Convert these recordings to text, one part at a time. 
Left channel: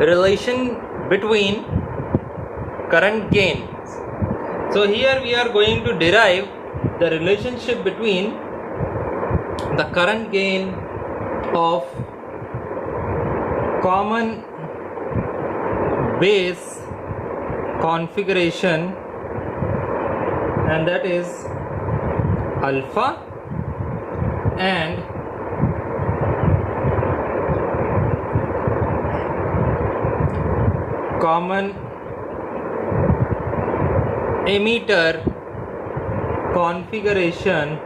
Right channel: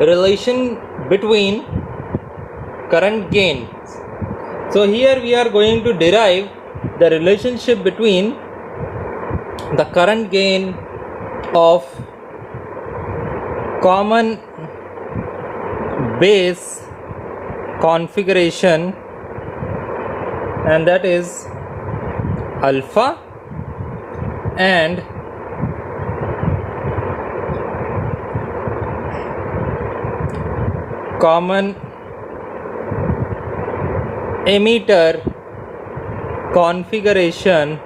relation between current gain. So here we are going to derive the relationship between the current gain of common base configuration, and that is alpha, and common emitter configuration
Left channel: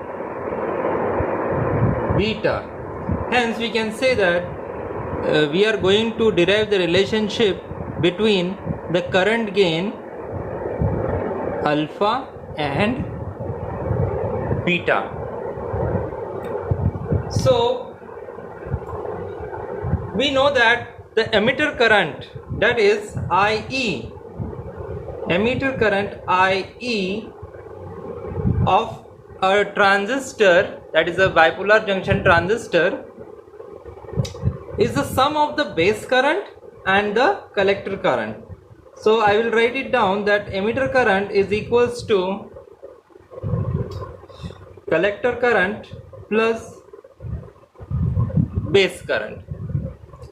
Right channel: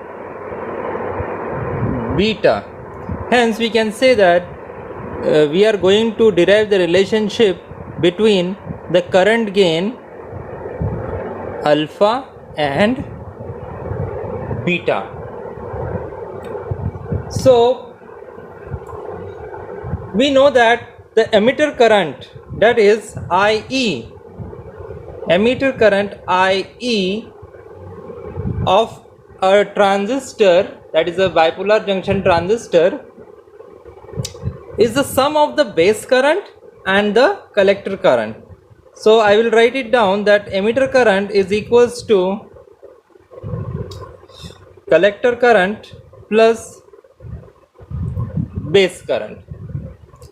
beta. Hence we can say that we are going to derive the relationship between the current gain alpha and beta. So we know that the emitter current, that is IE, emitter current IE of a transistor, that is a bipolar junction transistor, is the sum of the base current and the collector current. So I will write it down that emitter current is equals to collector current plus base current.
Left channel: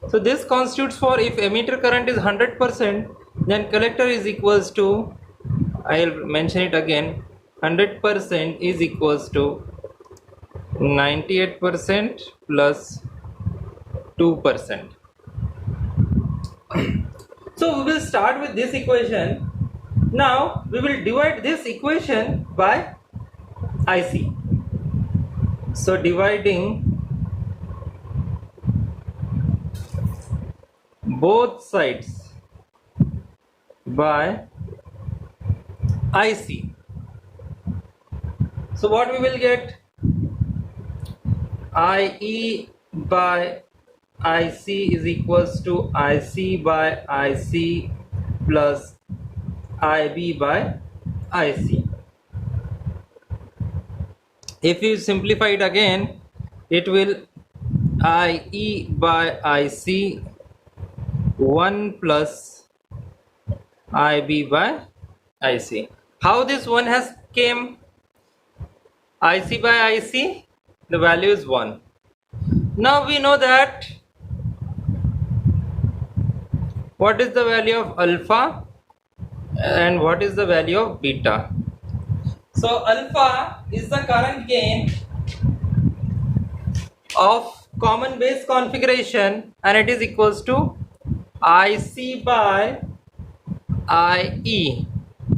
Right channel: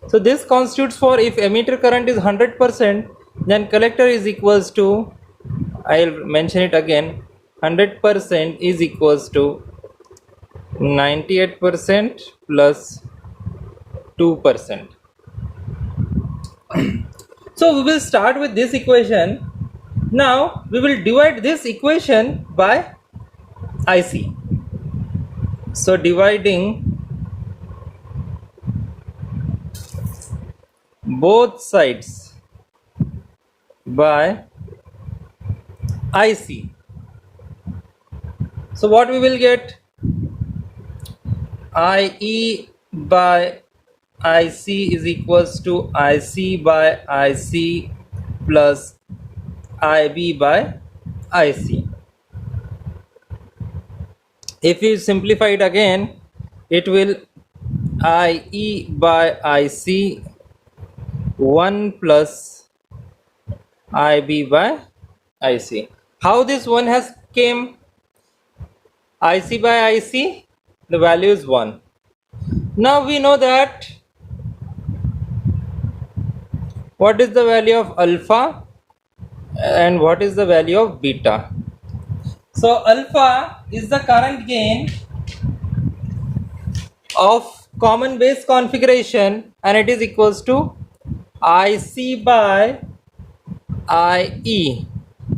So this constitutes for, if emitter current is 100%, then collector is equals to, I will mention it again, 100% is equals to 98% plus 2%. So we will start with this equation. Now we will divide this equation by IC. So dividing both sides by IC. So what we will get? IE by IC is equals to IC by IC plus IB by IC. If you simplify it again, it will IE by IC 1 plus IB by IC. How this one has came? IC by IC, the value is 1. Now we know that what is the value of alpha and what is the value of beta. So alpha is the current gain of common base configuration, and it is equals to IC by IE,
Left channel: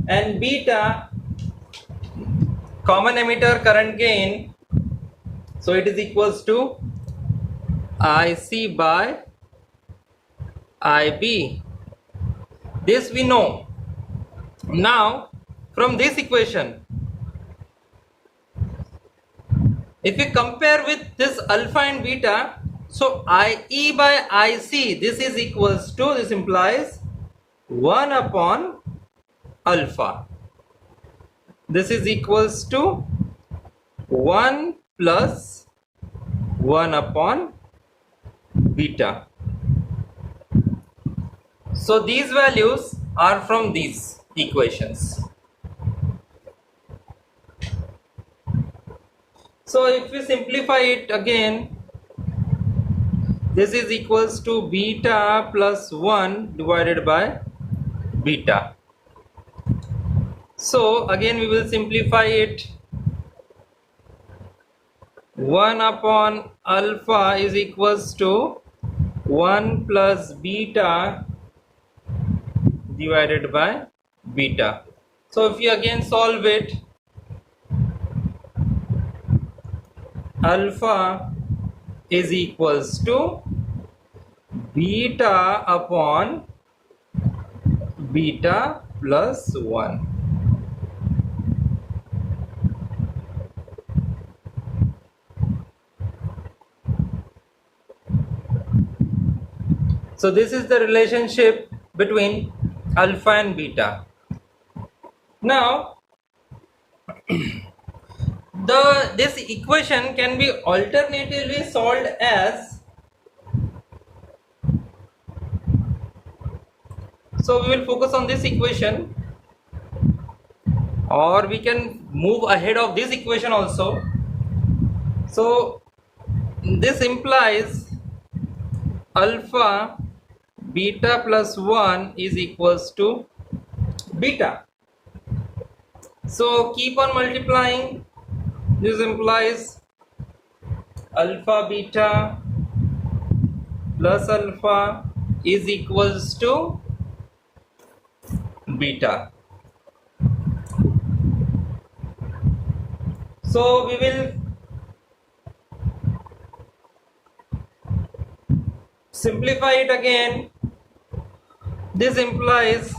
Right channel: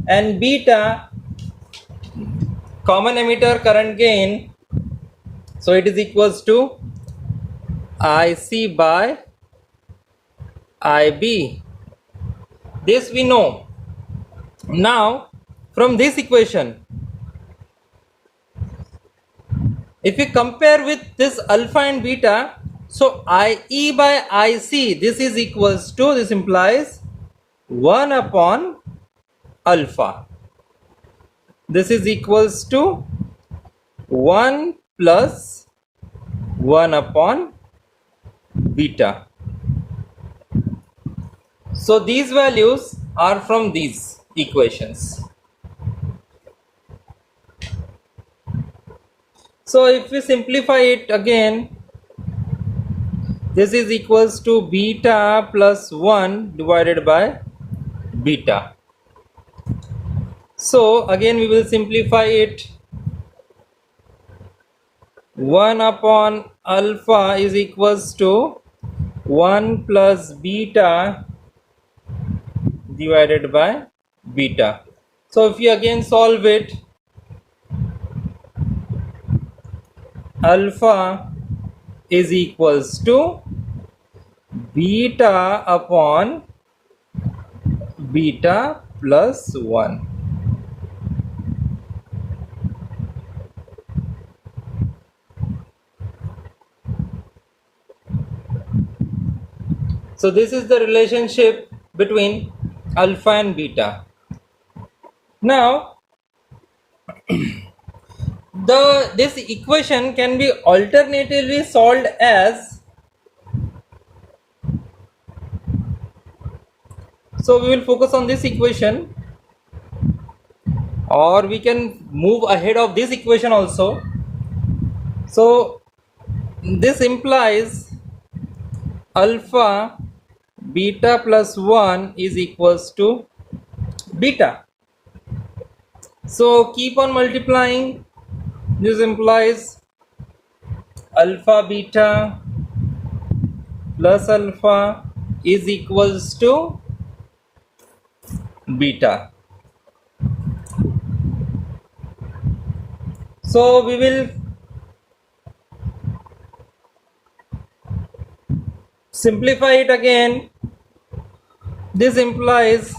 and beta common emitter current gain, so it is equals to IC by IB. This we know. Now from this equation, if we compare with this alpha and beta, so IE by IC, this is equals to, this implies 1 upon alpha. This is equals to 1 plus 1 upon beta. So these values are from these equations. So if we simplify it again, this is equals to beta plus 1 divided by beta. So again we will simplify it. 1 upon alpha is equals to 1 plus beta divided by beta. So if you again solve it, alpha is equals to beta upon beta plus 1. So this is the relationship between alpha and beta. Now this equation can be alternatively solved as So we will focus on this equation, or we can move ahead of this equation also. So this implies alpha beta plus 1 is equals to beta. So keep on multiplying. This implies alpha beta plus alpha is equals to beta. So we will simplify it again. This implies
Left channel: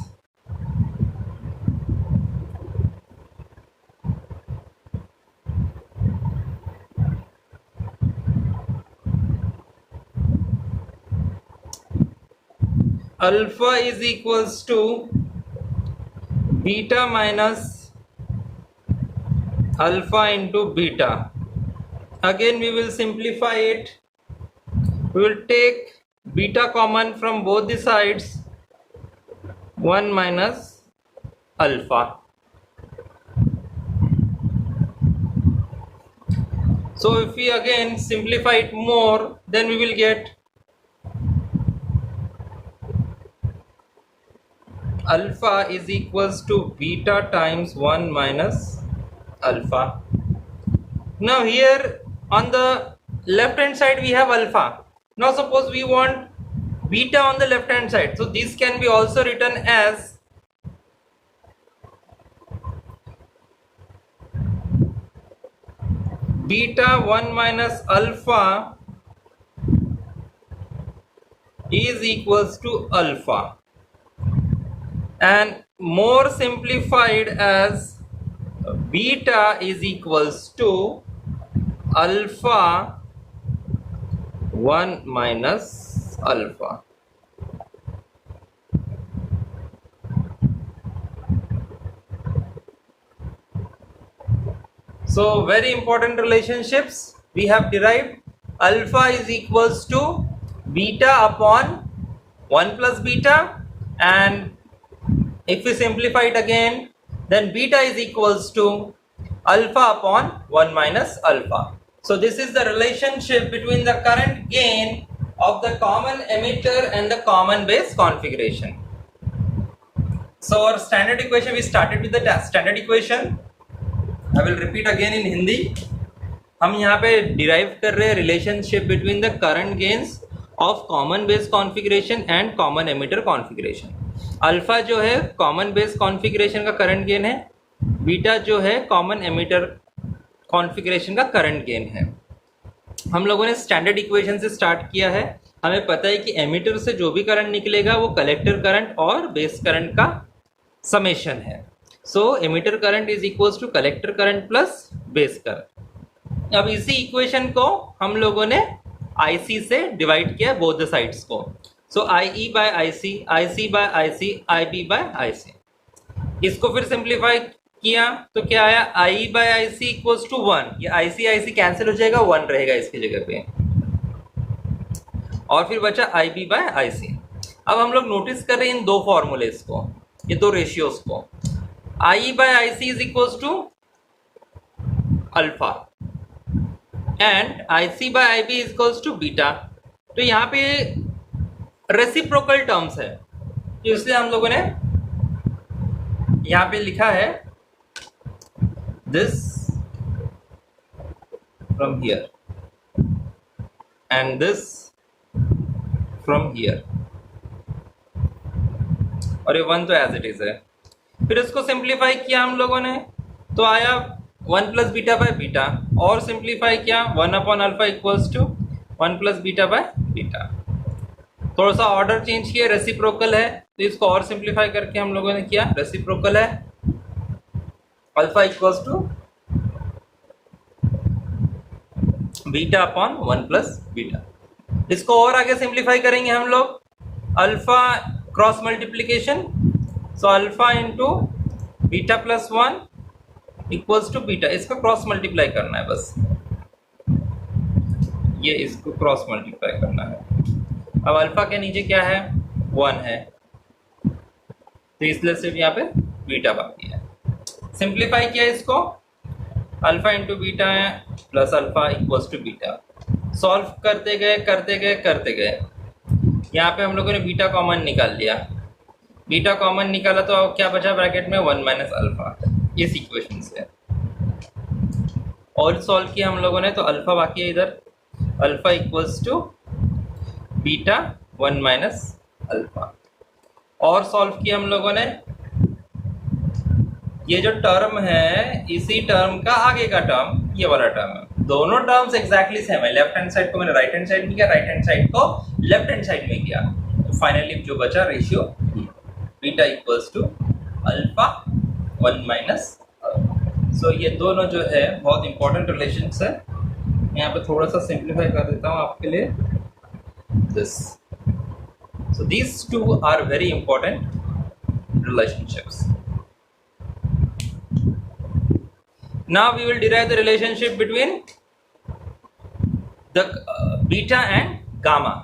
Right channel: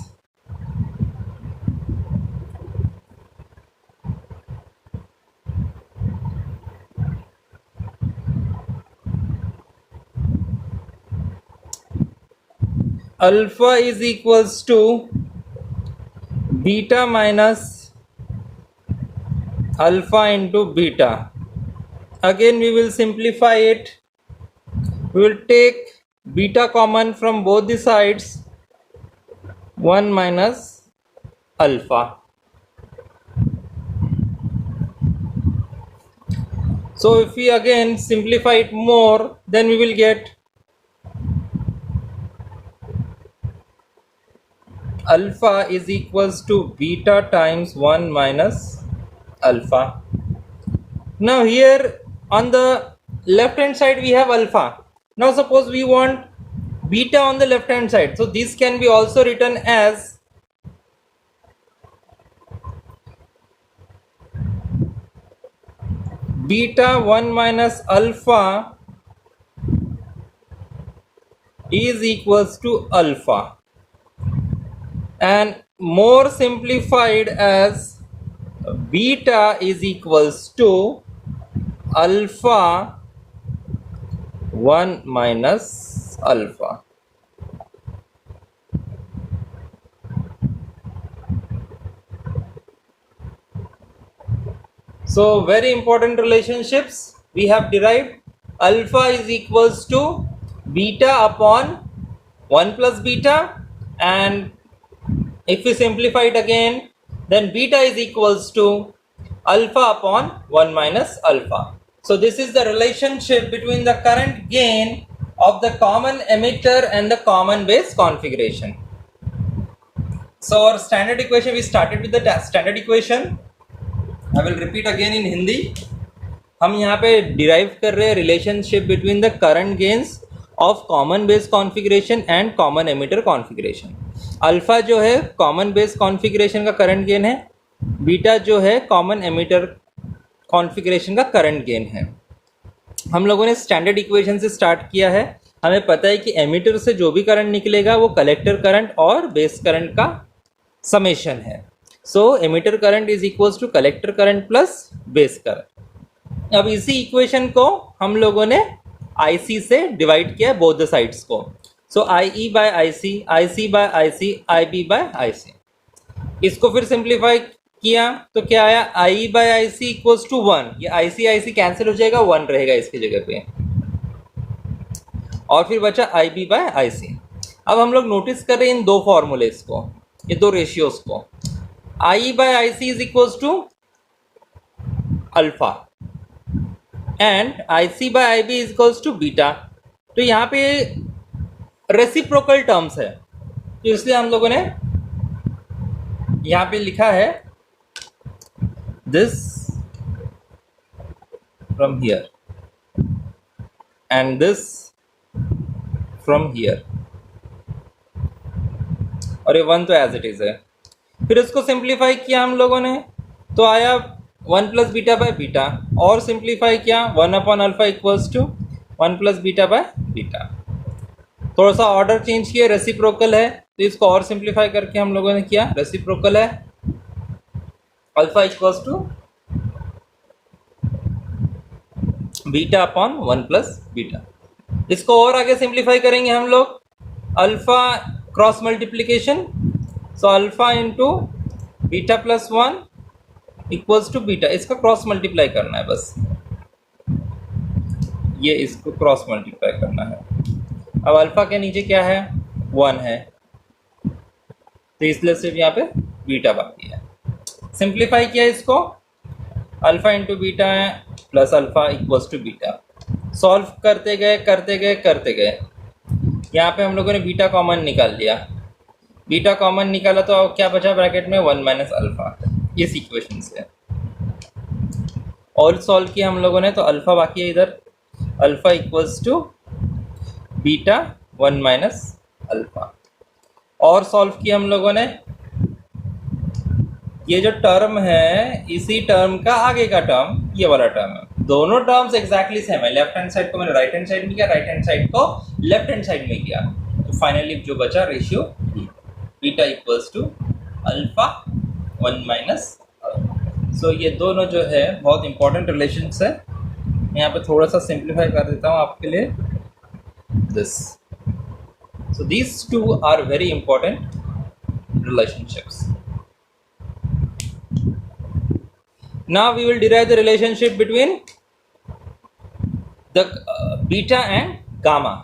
alpha is equals to beta minus alpha into beta. Again we will simplify it. We will take beta common from both the sides, 1 minus alpha. So if we again simplify it more, then we will get alpha is equals to beta times 1 minus alpha. Now here on the left hand side we have alpha. Now suppose we want beta on the left hand side. So this can be also written as beta 1 minus alpha is equals to alpha, and more simplified as beta is equals to alpha 1 minus alpha. So very important relationships we have derived. Alpha is equals to beta upon 1 plus beta, and if we simplify it again, then beta is equals to alpha upon 1 minus alpha. So this is the relationship between the current gain of the common emitter and the common base configuration. So our standard equation, we started with the standard equation. I will repeat again in Hindi. हम यहाँ पे derive कर रहे हैं relationship between the current gains of common base configuration and common emitter configuration. Alpha जो है common base configuration का current gain है, बीटा जो है कॉमन एमिटर कॉन्फ़िगरेशन का करंट गेन है. हम लोगों ने स्टैंडर्ड इक्वेशन से स्टार्ट किया है. हमें पता है कि एमिटर से जो भी करंट निकलेगा वो कलेक्टर करंट और बेस करंट का समेशन है. So emitter current is equals to collector current plus base current. अब इसी इक्वेशन को हम लोगों ने IC से डिवाइड किया बोथ द साइड्स को. So IE by IC, IC by IC, IB by IC. इसको फिर सिंप्लीफाई किया तो क्या आया, IE by IC equals to 1. ये IC कैंसिल हो जाएगा, 1 रहेगा इसकी जगह पे, और फिर बचा IB बाय IC. अब हम लोग नोटिस कर रहे हैं इन दो फॉर्मूलेस को, ये दो रेशियोज को. IE by IC is equals to alpha and IC by IB is equals to beta. तो यहाँ पे रेसिप्रोकल टर्म्स है, इसलिए हम लोगों ने यहाँ पे लिखा है this from here and this from here, और ये 1 तो एज इट इज है. फिर इसको सिंप्लीफाई किया हम लोगों ने तो आया 1 प्लस बीटा बाय बीटा, और सिंप्लीफाई किया 1 upon alpha equals to 1 plus beta by beta. थोड़ा सा ऑर्डर चेंज किया, रेसिप्रोकल है तो इसको और सिंप्लीफाई करके हम लोगों ने किया रेसिप्रोकल है alpha equals to beta upon 1 plus beta. इसको और आगे सिंप्लीफाई करेंगे हम लोग, alpha cross multiplication, so alpha into beta plus 1 equals to beta. इसका क्रॉस मल्टीप्लाई करना है बस, ये इसको क्रॉस मल्टीप्लाई करना है. अब अल्फा के नीचे क्या है, 1 है, तो इसलिए सिर्फ यहाँ पे बीटा बाकी है। सिंप्लीफाई किया इसको, अल्फा इंटू बीटा है plus alpha equals to beta. Solve करते गए, यहाँ पे हम लोगों ने बीटा कॉमन निकाल लिया। बीटा कॉमन निकाला तो क्या बचा ब्रैकेट में, 1 माइनस अल्फा इस इक्वेशन से। ऑल सॉल्व किया हम लोगों ने तो अल्फा बाकी है इधर, alpha equals to beta 1 minus alpha. और सॉल्व किया हम लोगों ने, ये जो टर्म है इसी टर्म का आगे का टर्म ये वाला टर्म है, दोनों टर्म्स एग्जैक्टली सेम है। लेफ्ट हैंड साइड को मैंने राइट हैंड साइड में किया, राइट हैंड साइड को लेफ्ट हैंड साइड में किया, तो फाइनली जो बचा ratio beta equals to alpha 1 minus. So ये दोनों जो है बहुत इंपॉर्टेंट रिलेशंस है। यहाँ पे थोड़ा सा सिंप्लीफाई कर देता हूँ आपके लिए this. So these two are very important relationships. Now we will derive the relationship between the beta and gamma.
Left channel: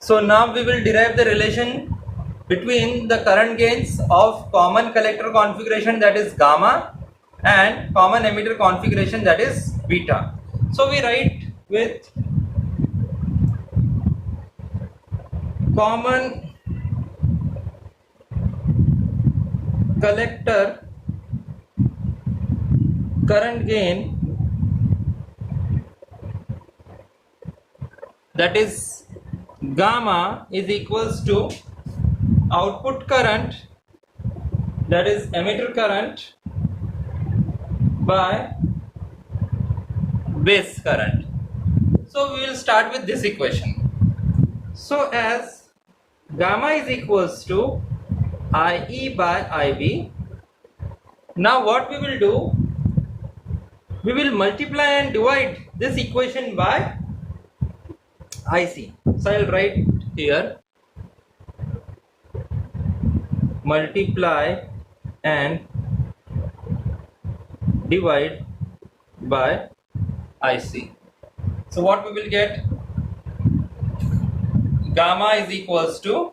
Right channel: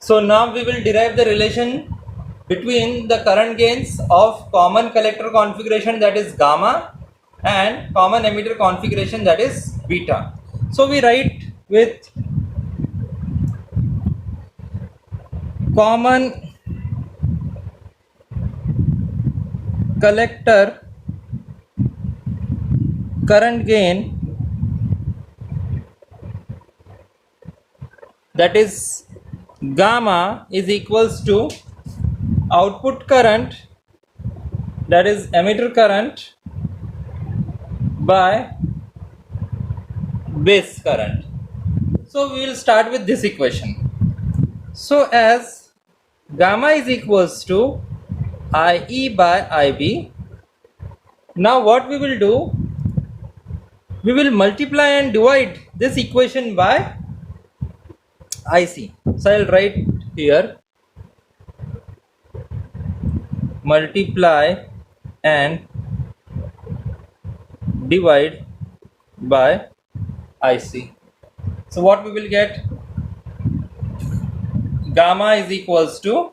So now we will derive the relation between the current gains of common collector configuration, that is gamma, and common emitter configuration, that is beta. So we write with common collector current gain, that is gamma, is equals to output current, that is emitter current, by base current. So we will start with this equation. So as gamma is equals to IE by IB, now what we will do, we will multiply and divide this equation by IC. So I will write here multiply and divide by IC. So what we will get, gamma is equals to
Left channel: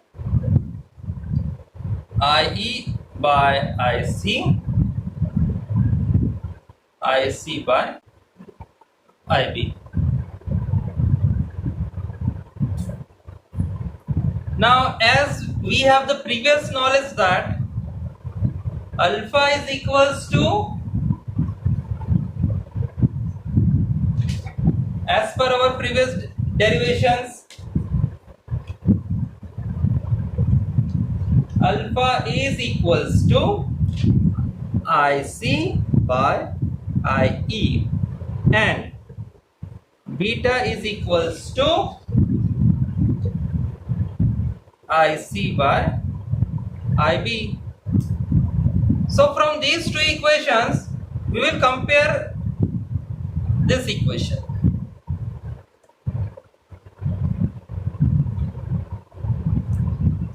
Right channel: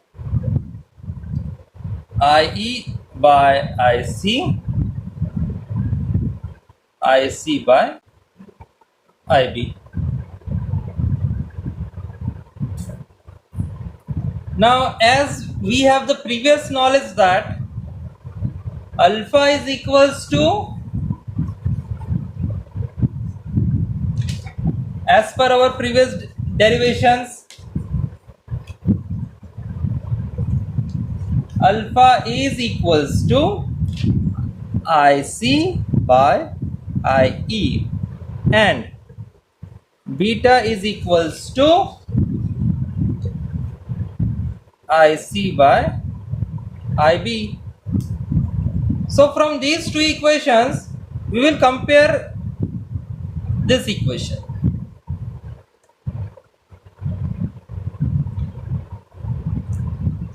IE by IC, IC by IB. Now as we have the previous knowledge that alpha is equals to, as per our previous derivations, alpha is equals to IC by IE and beta is equals to IC by IB. So from these two equations we will compare this equation.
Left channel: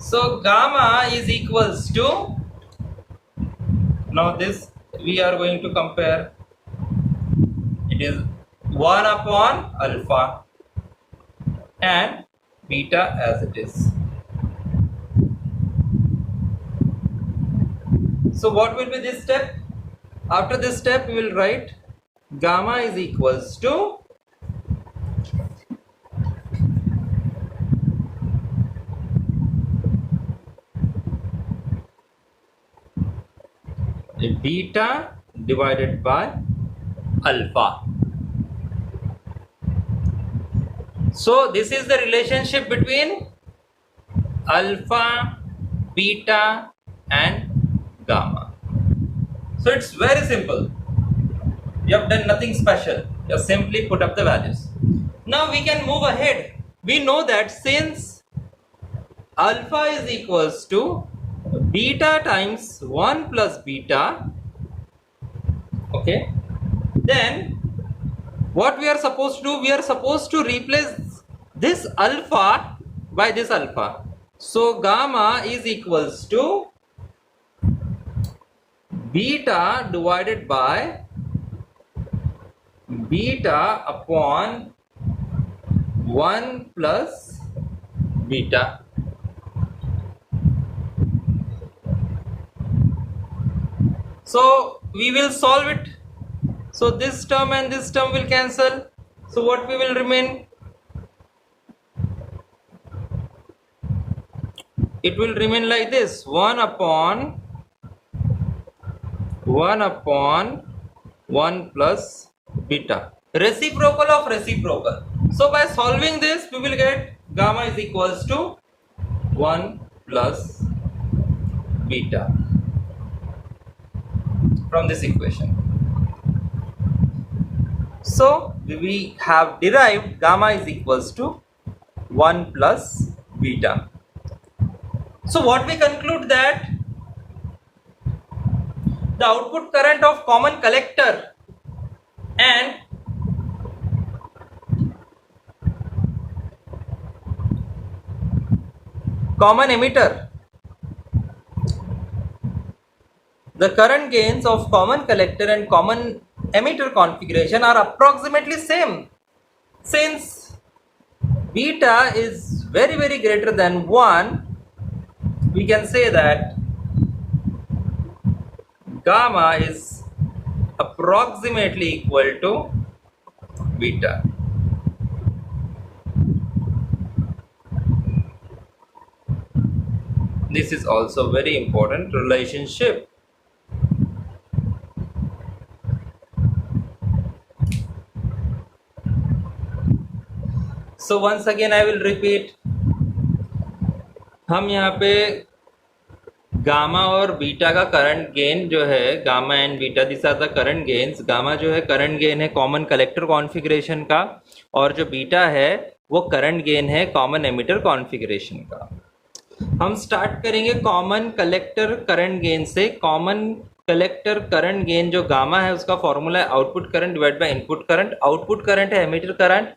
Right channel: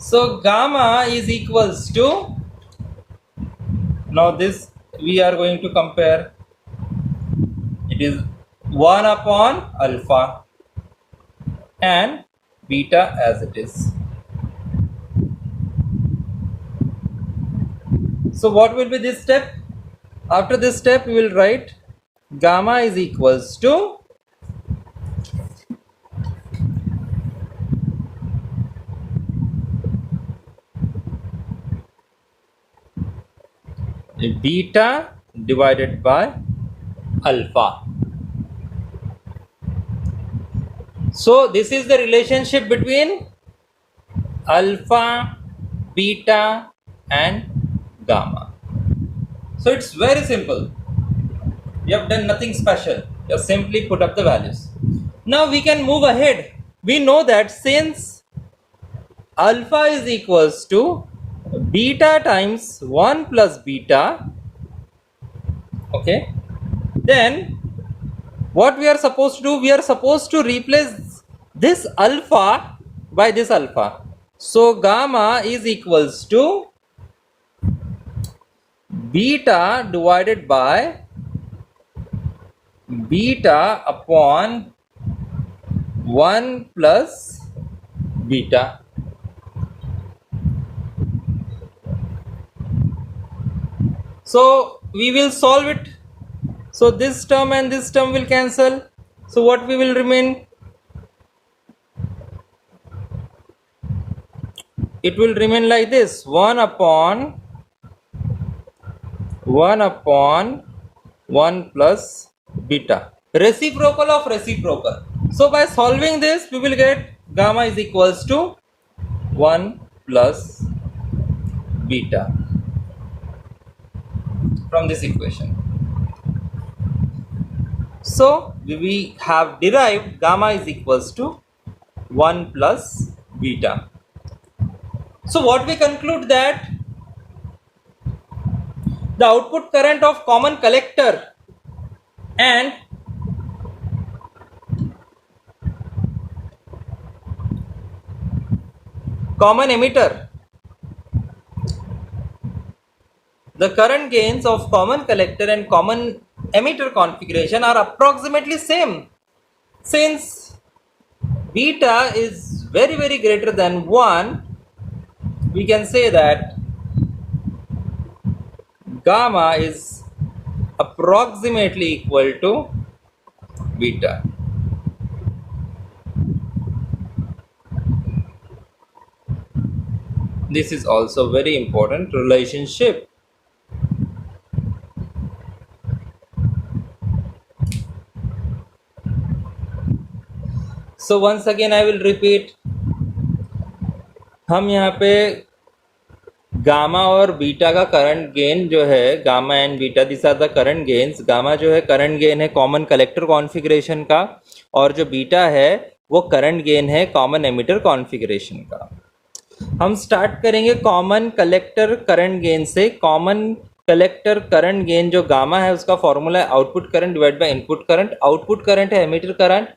So gamma is equals to, now this we are going to compare, it is 1 upon alpha and beta as it is. So what will be this step? After this step we will write gamma is equals to beta divided by alpha. So this is the relationship between alpha, beta and gamma. So it's very simple. You have done nothing special. You have simply put up the values. Now we can move ahead. We know that since alpha is equals to beta times 1 plus beta, okay, then what we are supposed to do, we are supposed to replace this alpha by this alpha. So gamma is equals to beta divided by beta upon 1 plus beta. So we will solve it. So this term and this term will cancel. So what we will remain? It will remain like this: 1 upon 1 plus beta, reciprocal of reciprocal. So by solving this, we will get gamma is equals to 1 plus beta from this equation. So we have derived gamma is equals to 1 plus beta. So what we conclude that the output current of common collector and common emitter, the current gains of common collector and common emitter configuration are approximately same. Since beta is very greater than 1, we can say that gamma is approximately equal to beta. This is also very important relationship. So once again I will repeat, हम यहाँ पे gamma और beta का current gain जो है, gamma and beta this are the current gains. Gamma जो है current gain है कॉमन कलेक्टर कॉन्फ़िगरेशन का, और जो बीटा है वो करंट गेन है कॉमन एमिटर कॉन्फ़िगरेशन का. हम स्टार्ट करेंगे कॉमन कलेक्टर करंट गेन से. कॉमन कलेक्टर करंट गेन जो गामा है उसका फॉर्मूला है output current divide by input current. Output current है एमिटर करंट,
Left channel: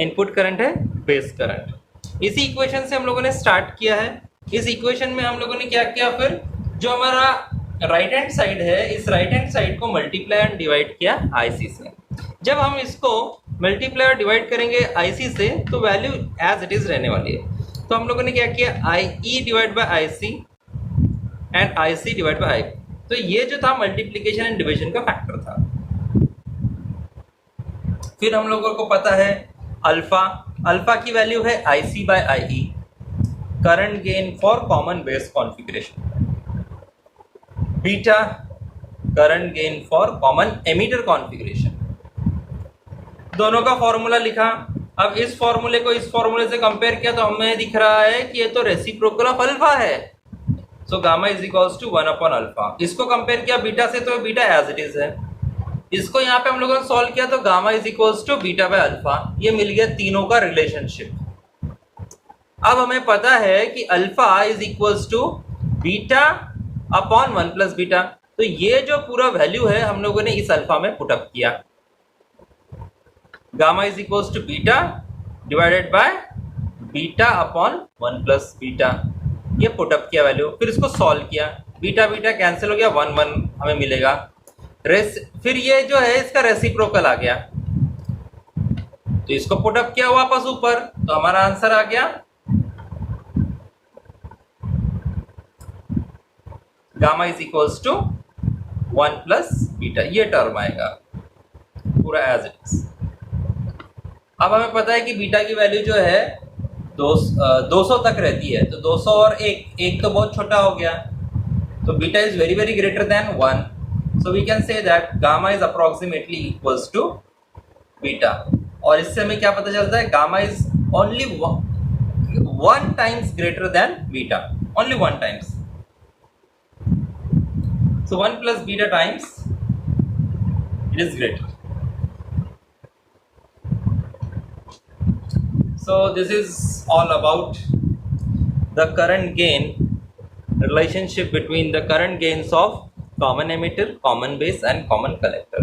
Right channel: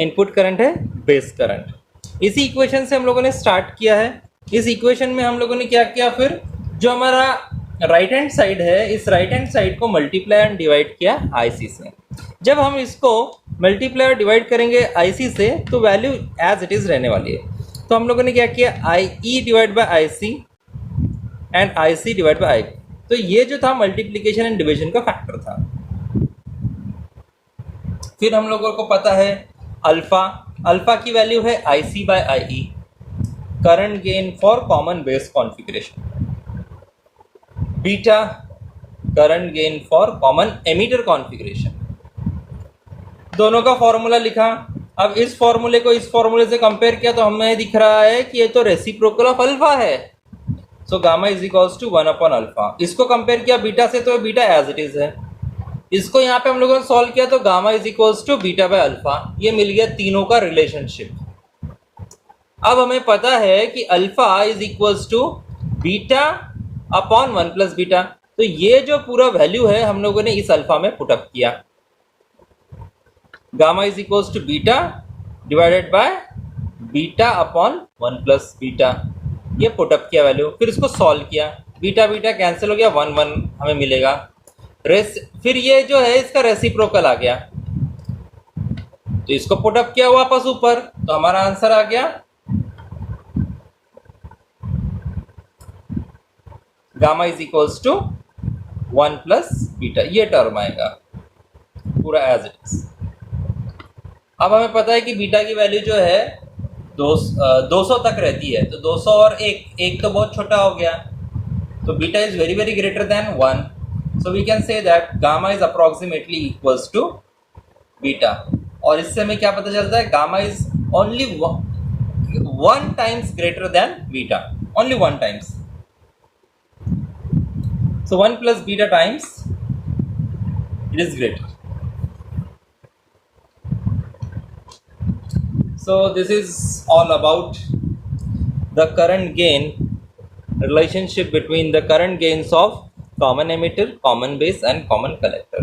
इनपुट करंट है बेस करंट. इसी इक्वेशन से हम लोगों ने स्टार्ट किया है. इस इक्वेशन में हम लोगों ने क्या किया, फिर जो हमारा राइट हैंड साइड है इस राइट हैंड साइड को मल्टीप्लाई एंड डिवाइड किया आईसी से. जब हम इसको मल्टीप्लाई और डिवाइड करेंगे आईसी से तो वैल्यू एज इट इज रहने वाली है. तो हम लोगों ने क्या किया, I E divide by I C and I C divide by I. तो ये जो था मल्टीप्लीकेशन एंड डिवीजन का फैक्टर था. फिर हम लोगों को पता है अल्फा, अल्फा की वैल्यू है I C by I E, current gain for common base configuration. Beta current gain for common emitter configuration. दोनों का फॉर्मूला लिखा. अब इस फॉर्मूले को इस फॉर्मूले से कंपेयर किया तो हमें दिख रहा है कि ये तो रेसिप्रोकल ऑफ अल्फा है. So gamma is equals to 1 upon alpha. इसको कंपेयर किया बीटा से तो बीटा एज इट इज है. इसको यहाँ पे हम लोगों ने सॉल्व किया तो gamma is equals to beta by alpha. ये मिल गया तीनों का रिलेशनशिप. अब हमें पता है कि alpha is equals to beta upon 1 plus beta. तो ये जो पूरा वैल्यू है हम लोगों ने इस अल्फा में पुटअप किया. Gamma is equals to beta divided by beta upon 1 plus beta. ये पुटअप किया वैल्यू. फिर इसको सॉल्व किया, बीटा बीटा कैंसिल हो गया, 1 1 हमें मिलेगा. फिर ये जो है इसका रेसिप्रोकल आ गया तो इसको पुटअप किया वापस ऊपर तो हमारा आंसर आ गया gamma is equals to 1 plus beta. ये टर्म आएगा पूरा एज इट इज. अब हमें पता है कि बीटा की वैल्यू जो है 200 तक रहती है. तो 200 और एक तो बहुत छोटा हो गया. तो beta is very greater than 1. So we can say that gamma is approximately equals to beta. और इससे हमें क्या पता चलता है, gamma is only one times greater than beta, only 1 times. So 1 plus beta times it is greater. So this is all about the current gain relationship between the current gains of common emitter, common base and common collector.